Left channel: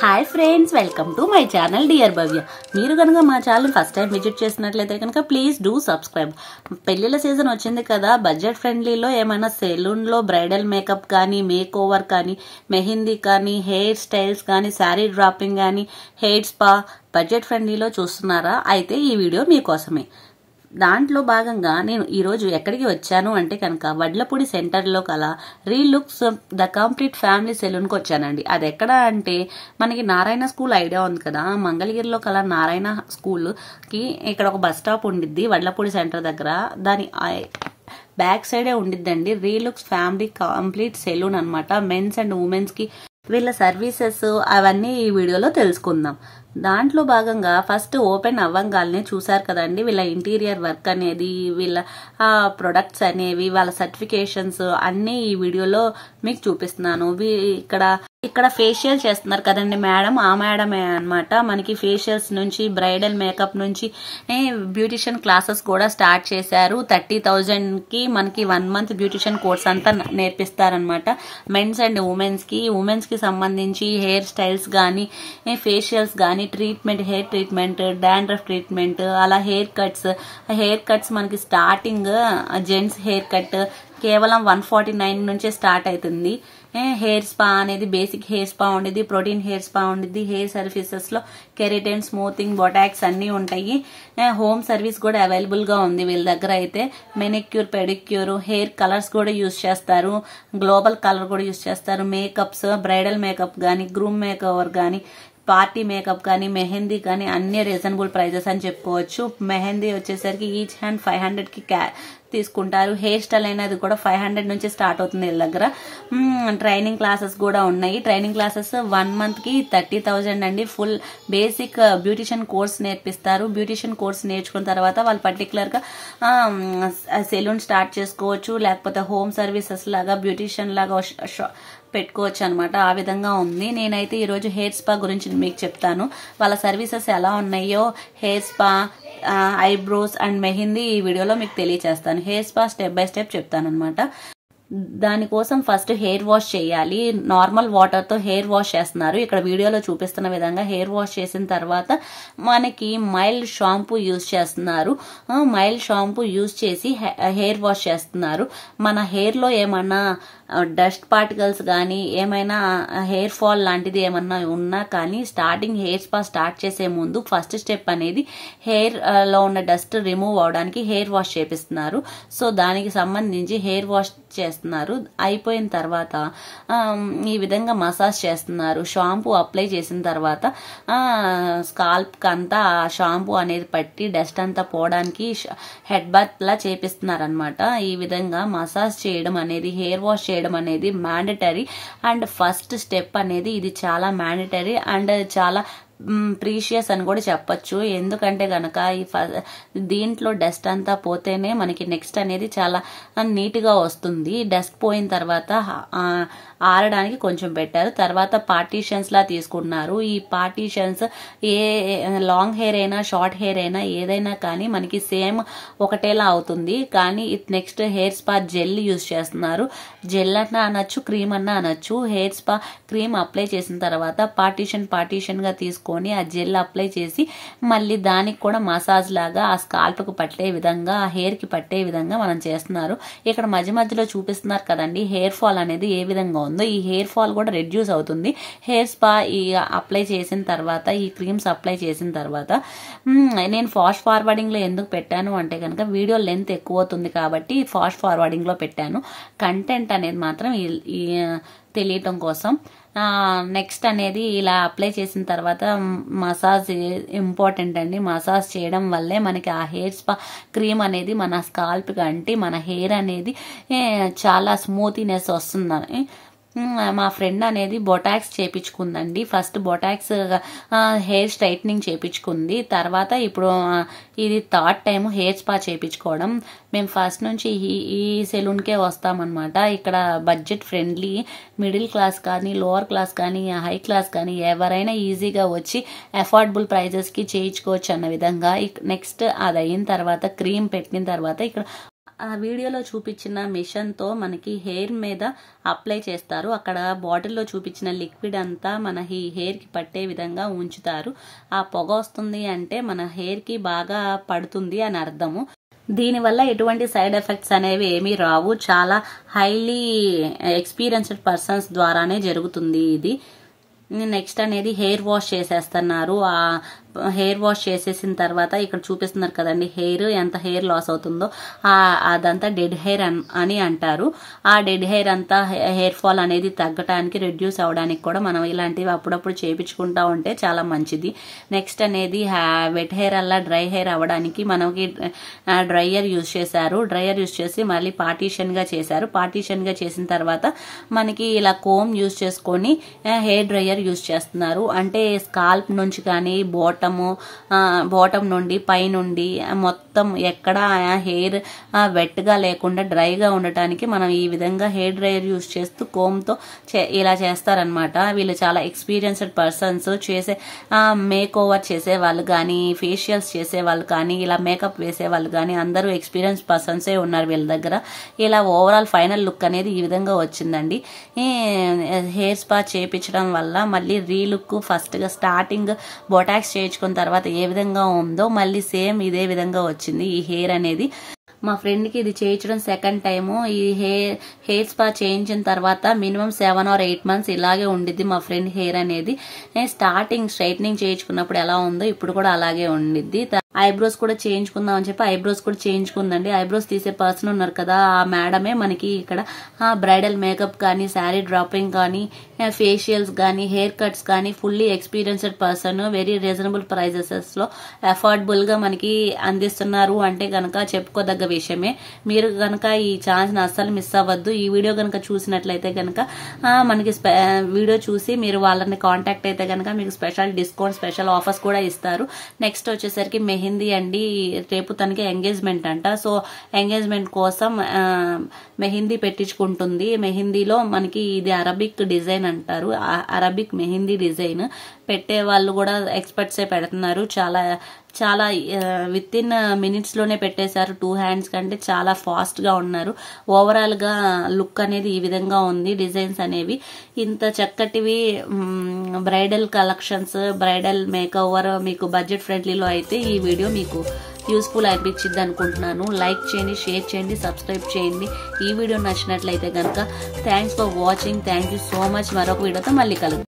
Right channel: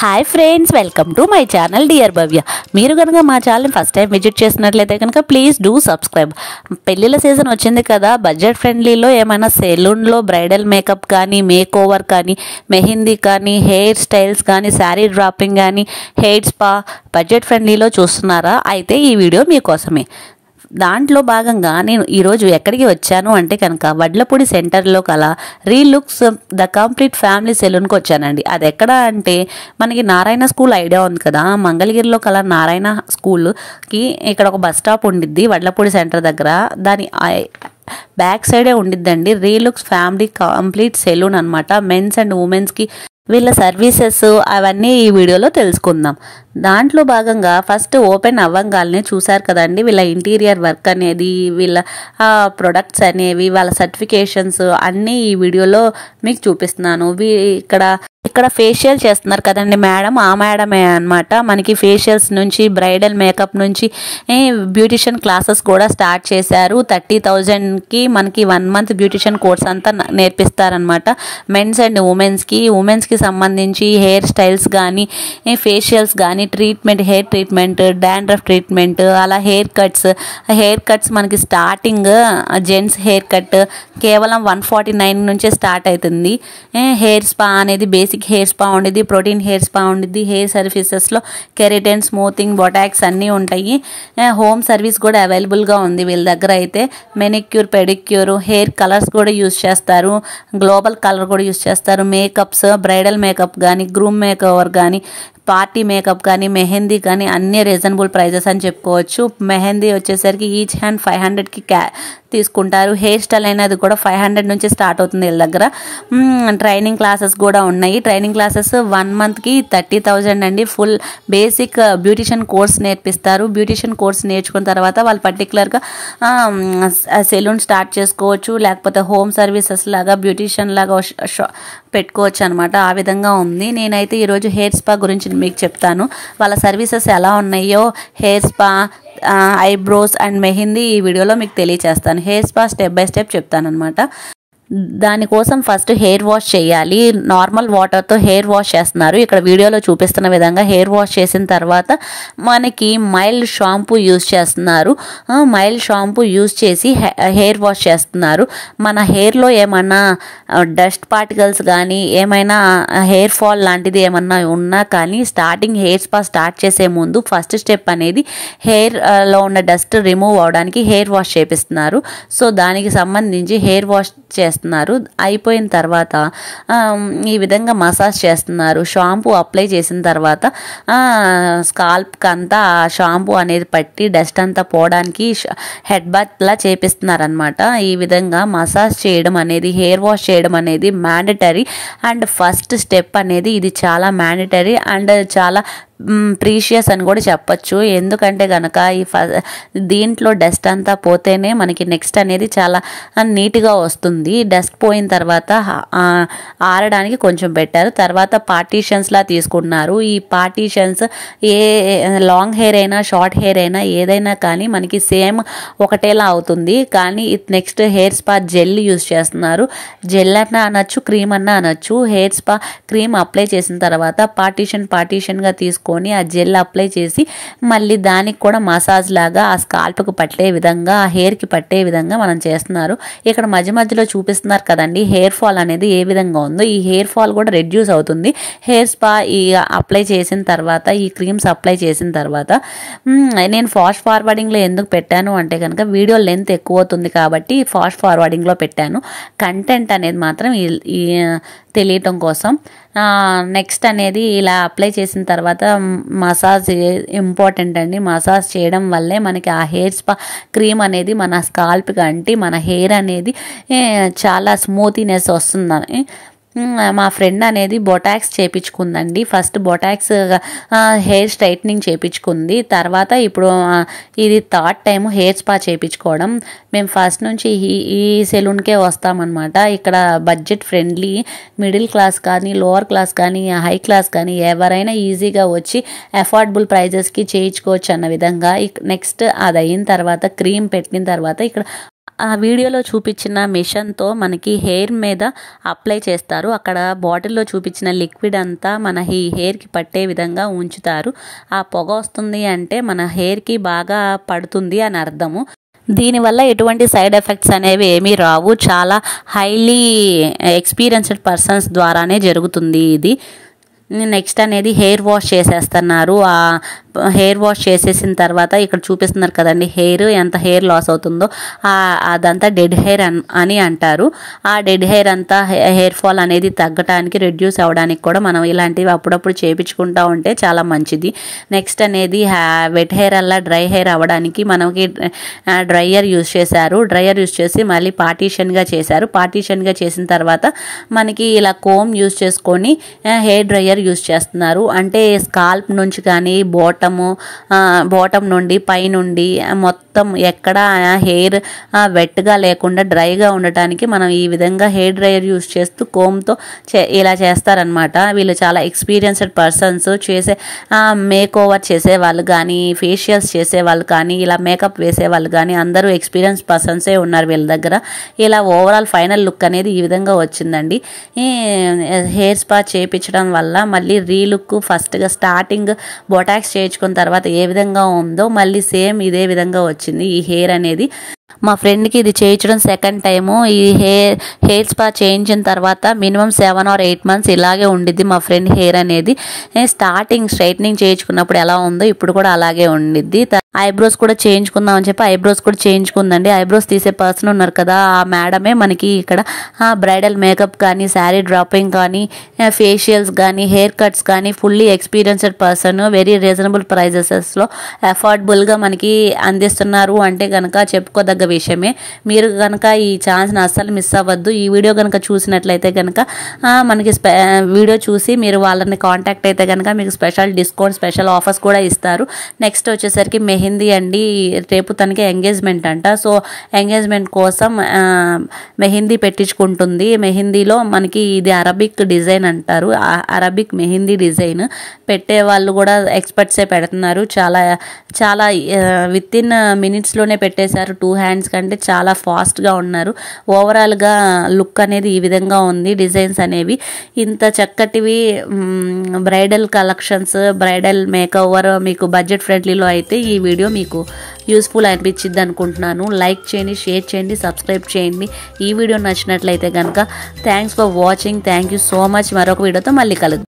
Hi friends, welcome to my channel dear Bhavya. మీరు కనుక మా ఛానల్ ఫస్ట్ టైం విజిట్ చేసినట్లయితే కనుక ప్లీజ్ డూ సబ్స్క్రైబ్. పెళ్ళిళ్ళ సీజన్ వచ్చింది కదా, బడ్జెట్ ఫ్రెండ్లీలో ఏమైనా సెలూన్లో బ్రైడల్ మేకప్ కానీ, మేక్ ఓవర్ కానీ, మెహందీ కానీ, హెయిర్ స్టైల్స్ కానీ, శారీ డ్రాపింగ్ కానీ, హెయిర్ స్పా బడ్జెట్ ఫ్రెండ్లీలో చూస్తున్నారా? అయితే ఈ వీడియో మీకోసమే. దాంట్లో భాగంగా నేను ఈరోజు ఎక్కడికి వచ్చాను అంటే కనుక వడ్లపూడి సెంటర్లో కల రీలుక్స్ ద కంప్లీట్ ఫ్యామిలీ సెలూన్కి వచ్చానండి. అది ఎక్కడ అంటే మనకి నారాయణ స్కూల్ ఐడియా ఉంది కదా, మంగళగిరిలో కల నారాయణ స్కూల్కి ఇక్కడ ఒక బస్ స్టాప్ ఉండిద్ది వడ్లపూడి సెంటర్ దగ్గర. దాని బ్యాక్ సైడే ఉండిద్దండి రీలుక్స్ ఫ్యామిలీ కంప్లీట్ సెలూన్ అనమాట. మెన్స్ అండ్ ఉమెన్స్కి వీళ్ళ సర్వీసెస్ అవన్నీ ఈ వీడియోలో తెలుసుకుందాం. దాంట్లో భాగంగా ఫస్ట్ ఓపెన్ అవ్వంగానే చూసారు కదండి వీళ్ళ ఇంటీరియర్ వర్క్ అనేది, వీళ్ళ ప్రొడక్ట్స్ అనేవి, వాళ్ళ సర్టిఫికేషన్స్ అన్నీ ఈ వీడియోలో మీకు చూపిస్తున్నాను. ఇక్కడ ఫేషియల్ చేస్తున్నారు కదండి మేడం, ఆ మేడమే అనమాట. మనకి ఫేషియల్స్ నుంచి బ్రైడల్ మేకప్ నుంచి బ్యూటిషియన్ క్లాసెస్ కూడా స్టార్ట్ చేశారు. 30,000కి మనకి 1 మంత్ బ్యూటిషియన్ కోర్స్ అంతా నేర్పిస్తారనమాట. మెన్స్ అండ్ ఉమెన్స్కి సంబంధించి హెయిర్ స్టైల్స్ కానీ, ఫేషియల్స్ కానీ, treatment, hair treatment, dandruff treatment, అలా హెయిర్ కట్స్ మనకి స్టార్టింగ్ జెంట్స్ హెయిర్ కట్ కేవలం 149 నుంచే స్టార్ట్ అవుతుంది. హెయిర్ స్పా అనేది బేసిక్ హెయిర్ స్పా ఉండిద్ది, ప్రోటీన్ హెయిర్ స్పా ఉండిద్ది. హెయిర్ సర్వీసెస్లో కెరటిన్, స్మూతింగ్, బొటాక్స్ అన్నీ ఉంటాయి. హోమ్ సర్వీస్ కూడా అవైలబుల్గా ఉంది వీళ్ళ దగ్గర. అయితే మెనిక్యూర్, పెడిక్యూర్, హెయిర్ కలర్స్ కూడా యూజ్ చేస్తారు, గ్లోబల్ కలర్ కూడా యూజ్ చేస్తారు. మేకప్స్, బ్రైడల్ మేకప్ కానీ, గ్రూమ్ మేక్ ఓవర్ కానీ, పార్టీ మేకప్ కానీ, మెహందీ కానీ అన్ని రీజనబుల్ ప్రైజెస్ అని చెప్పుకోవచ్చు. మెహందీ వచ్చేసరికి ఈచ్ హ్యాండ్ 500కి తీసుకుంటారు. హెయిర్ స్టైల్ అనేది కూడా 500 నుంచి స్టార్ట్ అవుతుంది వీళ్ళ దగ్గర. ట్రైనింగ్ క్లాసెస్ కూడా ఉన్నాయి. ట్రైనింగ్ క్లాసెస్ 1 మంత్కి 30,000 అండి. ఫుల్ బేసిక్ బ్యూటిషియన్ కోర్స్ నేర్పిస్తారు. బ్యూటిషియన్ కోర్స్ నేర్చుకున్న తర్వాత వాళ్ళు పర్టికులర్గా సెలూన్ స్టార్ట్ చేసుకోవచ్చు, లేకపోతే హోమ్ సర్వీసెస్ లాగా బ్యూటిషియన్ లాగా పెట్టుకోవచ్చు అనమాట. ఆ విధంగా ఉంది. నేనైతే ఈరోజు హెయిర్ స్పా గురించి మీకు చెప్తాను. వాళ్ళ సర్వీసెస్ ఎలా ఉన్నాయో, hair spa, eyebrows and mehndi ఈ వీడియోలో మీకు తెలియచేస్తాను. Hair spa step by step చెప్తాను అనమాట. దానికోసం ఫస్ట్ హెయిర్ వాష్ చేయాలి. నార్మల్ వాటర్తో హెయిర్ వాష్ చేస్తున్నారు. ఇక్కడ వీడియోలో చూపిస్తున్న విధంగా హెయిర్ వాష్ చేసిన తర్వాత మనకి మైల్డ్ షాంపూ యూజ్ చేస్తున్నారు. మైల్డ్ షాంపూ యూజ్ చేసి హెయిర్ వాష్ చేస్తున్నారు. మన హెయిర్లో ఏమన్నా డస్ట్ పార్టికల్స్ కానీ, ఏమైనా హెయిర్ ఫాల్ లాంటిది ఏమన్నా ఉన్నా కానీ స్టార్టింగ్ హెయిర్ స్పా స్టార్ట్ చేసే ముందు ఫస్ట్ స్టెప్ అనేది హెయిర్లో ఉన్న డస్ట్ రిమూవ్ అవడానికి హెయిర్ వాష్ చేపిస్తున్నారు. సో దానికి సంబంధించి హెయిర్ వాష్ చేస్తున్నారు. అయిపోయిన తర్వాత ఈ విధంగా మసాజ్ చేస్తున్నారు. షాంపూ అప్లై చేసిన తర్వాత స్కాల్ప్కి అంతా షాంపూ అనేది పట్టి డస్ట్ అంతా పోవడానికి హెడ్ బాత్ లా చేపిస్తున్నారు అనమాట. ఈ విధంగా మసాజ్ చేయడం అనేది, హెయిర్ వాష్ చేయడం అనేది మ్యాండటరీ అండ్ ఫస్ట్ స్టెప్ అనేది ఇది చాలా మ్యాండటరీ అండ్ చాలా ప్రీషియస్ అని కూడా చెప్పచ్చు. ఎందుకంటే కనుక దీంట్లో డస్ట్ అంతా పోతేనే మనకి నెక్స్ట్ అనేది చాలా నీట్గా వస్తుంది. డస్ట్ పోయిన తర్వాత ఆరడానికి కొంచెం పెట్టారు. తర్వాత పార్టీషన్స్లా తీసుకున్నారు. ఈ పార్టీషన్స్ ఏ లాంగ్ హెయిర్ అయినా, షార్ట్ హెయిర్ అయినా, ఏదైనా కానీ మనకి సేమ్ ఒకటేలా అవుతుంది. కానీ next hair spa gel use చేస్తున్నారు. జెల్ అన్నా అనొచ్చు, క్రీమ్ అన్నా అనొచ్చు. హెయిర్ స్పా క్రీమ్ అప్లై చేసిన తర్వాత పార్టీషన్గా తీసుకొని ఆ జెల్ అప్లై చేసి మళ్ళీ దానికి కూడా మసాజ్ లాగా ఆ స్కాల్ప్కి పట్టే విధంగా, ఆ హెయిర్కి పట్టే విధంగా మనం చేస్తున్నారు. ఇక్కడ మధ్యలో చూపిస్తున్నారు కదండి హెయిర్ ఫాల్ అనేది ఏ విధంగా ఉందో. ఈ హెయిర్ ఫాల్ కూడా రెడ్యూస్ అవుతుంది హెయిర్ స్పా ఈ అప్లై చేసిన తర్వాత, ఈ క్రీమ్స్ అప్లై చేసిన తర్వాత. నేను ఫాస్ట్ ఫార్వర్డింగ్లో ఎందుకు పెట్టాను అంటే కనుక వీడియో లెంత్ ఎక్కువ అవుతుంది కాబట్టి ఫాస్ట్ ఫార్వర్డింగ్లో పెట్టాను. కంటెంట్ అనేది మాత్రం తెలియటం కోసం. నెక్స్ట్ అనేది ఇలా అప్లై చేసిన తర్వాత మసాజ్ ఇంపార్టెంట్ అండి. మసాజ్ చేయడం వల్లే మనకి ఆ హెయిర్ స్పా క్రీమ్ అనేది మన స్కాల్ప్కి అంటి మన హెయిర్ అనేది చాలా స్మూతీనెస్ వస్తుందని. మా ఫ్రెండ్ అనేది బొటాక్స్ చేపించుకుందండి. ఫస్ట్ బొటాక్స్ హెయిర్ స్ట్రైట్నింగ్ చేపించుకుంది. తర్వాత ఇప్పుడు ఇది 3rd టైం హెయిర్ స్పా చేపించుకోవడం. మేము ఫస్ట్ నుంచి ఈ సెలూన్కే వస్తామన్నమాట. ఇక్కడ బడ్జెట్ ఫ్రెండ్లీ, మిడిల్ క్లాస్ కానీ, లోవర్ క్లాస్ కానీ, హై క్లాస్ కానీ ఎవరైనా ఈజీగా వచ్చి అఫోర్డబుల్ ప్రైజెస్కి చేయించుకోవచ్చు అన్న విధంగా. నెక్స్ట్ అది అయిన తర్వాత క్రీమ్ పెట్టిన తర్వాత ఇక్కడ ఆ వీడియోలో చూపించిన మిషన్తో మనకి హెయిర్ మీద అప్లై చేస్తారు. అక్కడ బాటిల్లో చూపించిన లిక్విడ్ అంతా మన హెయిర్కి పట్టే విధంగా ఉంచుతారు. ఆ పొగ వస్తుంది అంటే మన హెయిర్కి బాగా పడుతుంది అని అర్థము. దీనివల్ల ఎటువంటి సైడ్ ఎఫెక్ట్స్ అనేవి ఏమీ రావు. చాలా హైలీ ఎక్స్పీరియన్స్డ్ పర్సన్స్ ద్వారానే జరుగుతుంది ఇది. నెక్స్ట్ అనేది హెయిర్ వాష్ చేసేస్తున్నారు. ఆ హెయిర్ వాష్ చేసేసిన తర్వాత ఇక్కడ చూపిస్తున్నారు కదండి హెయిర్ ఎంత హెయిర్ లాస్ అవుతుందో, అదంతా డెడ్ హెయిర్ అని అంటారు. ఆ డెడ్ హెయిర్ అంతా హెయిర్ ఫాల్ అనేది తగ్గడానికి, రెడ్యూస్ అవ్వడానికి కూడా మనం ఇలాంటివి అప్పుడప్పుడు చేయించుకుంటూ ఉంటే చాలా మంచిది. నెక్స్ట్ అనేది వెట్ హెయిర్ అలా డ్రై హెయిర్ అవ్వడానికి మనకి డ్రైయర్ యూజ్ చేశారు. డ్రైయర్ యూజ్ చేసి మళ్ళీ పార్టీషన్గా చేశారు. పార్టీషన్గా చేసిన తర్వాత మనకి ఇలా కోమ్ యూజ్ చేసుకొని హెయిర్ డ్రైయర్ యూజ్ చేస్తున్నారు. అంటే స్కాల్ప్ నుంచి కానీ బాటమ్ నుండి పై నుండి మొత్తం ఎక్కడ హెయిర్ వెట్గా లేకుండా డ్రైగా ఉండటానికి మనం ఈ విధంగా హెయిర్ డ్రైయర్ యూజ్ చేస్తూ కోమ్తో ఇలా చేస్తారనమాట. వీళ్ళు చాలా ఎక్స్పీరియన్స్డ్ పర్సన్స్. చేసే మేక్ ఓవర్ చేసే వాళ్ళు కానీ, ఫేషియల్స్ చేసే వాళ్ళు కానీ, ఇలా మేకప్ వేసే వాళ్ళు కానీ అందరూ ఎక్స్పీరియన్స్ పర్సన్సే ఉన్నారు వీళ్ళ దగ్గర. ఇలా ఓవరాల్ ఫైనల్ లుక్ అనేది ఈ విధంగా వచ్చిందండి. హెయిర్ స్పా చేయించడం వల్ల మళ్ళీ రీలుక్ ఫస్ట్గా స్టార్టింగ్ బొటాక్స్ చేయించుకున్న తర్వాత ఏ విధంగా ఉందో మళ్ళీ సేమ్ ఇదే విధంగా వచ్చింది ఈ హెయిర్ అనేది. మా ఫ్రెండ్కి ఇది చేయించడం సెకండ్ టైము. ఈ హెయిర్ స్పా చేయించిన తర్వాత మినిమం 7 or 8 months ఇలాగే ఉండిద్ది మా ఫ్రెండ్ హెయిర్ అనేది. స్టార్టింగ్ స్ట్రైట్నింగ్ చేయించుకున్నప్పుడు ఎలా ఉందో ఇప్పుడు కూడా అలాగే ఉండిద్ది. ఐబ్రోస్ కూడా చేయించుకుందాం అని చెప్పి ఐబ్రోస్ కూడా చేయించుకుందండి. ఐబ్రోస్ తీసే పర్సన్ ఉన్నారు కదా, ఆ మేడమే మనకి ఇక్కడ బ్రైడల్ మేకప్ కానీ, శారీ డ్రాపింగ్ కానీ, ఫేషియల్స్ కానీ, హెయిర్ కట్స్ కానీ fully experienced person. Very reasonable ప్రైజెస్లో అఫోర్డబుల్గా మనకి అందిస్తున్నారు అంటే కనుక చెప్పుకోదగ్గ విషయమే. మీరు కనుక ఈ ఛాన్స్ని అస్సలు మిస్ అవ్వద్దు. ఈ వీడియో కనుక చూసినట్లయితే కనుక మనకి వీడియో చూసి మీరు వాళ్ళని కాంటాక్ట్ అయితే కనుక మీకు స్పెషల్ డిస్కౌంట్, స్పెషల్ ఆఫర్స్ కూడా ఇస్తారు. నెక్స్ట్ వచ్చేసరికి మెహందీ అండి. రేపు తనకి ఎంగేజ్మెంట్ అంట. సో ఎంగేజ్మెంట్ కోసం మెహందీ పెట్టించుకుంటుంది. మెహందీలో మనకి ఇది అరబిక్ డిజైన్ అంటారు. అరబిక్ మెహందీ డిజైన్ పెట్టే వాళ్ళు కూడా ఎక్స్పర్ట్సే పెడుతున్నారు. చాలా చాలా విత్ ఇన్ మినిట్స్లోనే పెట్టేశారు. 2 hands కంటే చాలా ఫాస్ట్గా ఉన్నారు. ఓవరాల్గా లుక్ అనేది ఈ విధంగా ఉంది. డిజైన్స్ అనేవి ఇంత చక్కటివి బ్రైడల్ కలెక్షన్స్, బ్రైడల్ మేకఓవర్ మీకు బడ్జెట్ ఫ్రెండ్లీలో అయితే ఈ వీడియో మీకు యూస్ఫుల్ అనిపించింది అనుకుంటున్నాను. లైక్ చేయండి, షేర్ చేయండి, సబ్స్క్రైబ్ చేయండి. ఈ వీడియో నచ్చినట్లయితే కనుక thanks for watching. Thank you so much. మరొక వీడియోతో మళ్ళీ కలుద్దాం.